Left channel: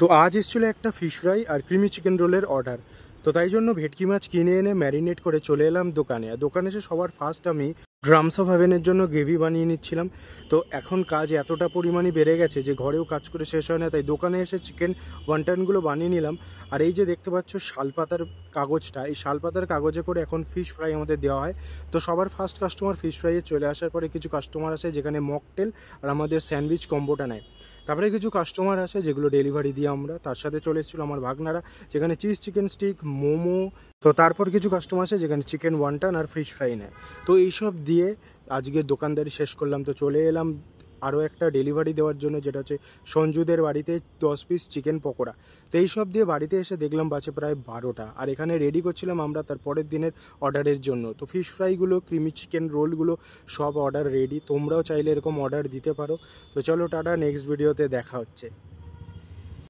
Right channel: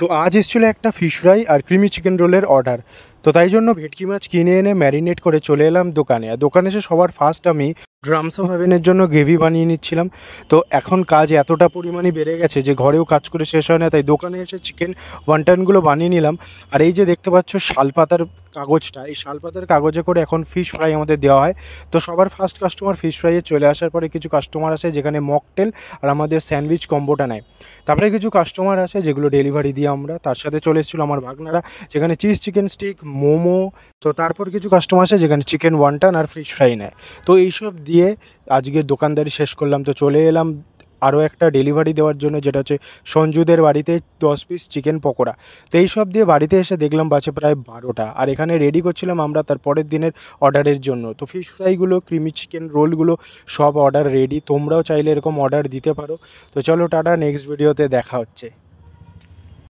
তো আজ এসেছিলো একটা ফিশ ফ্রাই আর ক্রিমি চিকেন রোলের অর্ডার। তো তাই জন্য ভেটকি মাছ কিনে এনে ম্যারিনেট করে চলে এলাম দোকানে। আর দোকানে এসে সবার ফার্স্ট আমি ড্রামস অফ হেভেনের জন্য গ্রেভি বানিয়ে নিচ্ছিলাম। তো এখন কাজ এতটা পরিমাণে বেড়ে গেছে যে ঘরেও কাজ করে শেষ হয় না, তাই দোকানে এসে চিকেন ওয়ান্টানগুলো বানিয়ে নিলাম। আর এই যে দেখতে পাচ্ছ শালপাতার কাগজটা, এই শালপাতার কাগজে করে এখন ফিশ ফ্রাই আমাদের দেওয়া হয়। তো সবার ফার্স্ট কাস্টমার ফিশ ফ্রাইয়ে চলে আসার পরে কিছু কাস্টমার আসে যেখানে মকটেল আর আমাদের স্যান্ডউইচ কম্বোটা নেয়। তারপরে কিছু কাস্টমার আসে যেগুলো ডেলিভারি দিই আমরা। তার সাথে চলে এসেছিলো আমার ভাগনারা, যেখানে চিজ চিকেন স্টিক, মোমো। তো তারপর কিছু কাস্টমার আসে যেখানে চিকেন ওয়ান্টান আর ফিশ ফ্রাই নেয়। তো এইসব দিয়ে আজকের দোকানদারি শেষ করলাম। তো চলে এলাম আরও একটা ডেলিভারি দেওয়ার জন্য, যেটা হচ্ছে সঞ্জুদের বাড়িতে 10 পিস চিকেন পকোড়া। তো এইসব দিয়ে বাড়িতে এসে দেখলাম বাজে প্রায় 12টা। আর এখানে রেডি করছিলাম আমরা তার পরের দিনের অর্ডারের জন্য। তো ফিশ ফ্রাইগুলো, ক্রিমি চিকেন রোলগুলো সব অর্ডার রেডি। তোমরাও চাইলে এরকম অর্ডার দিতে পারো। তো চলো টাটা, নেক্সট ভিডিওতে দেখা হচ্ছে।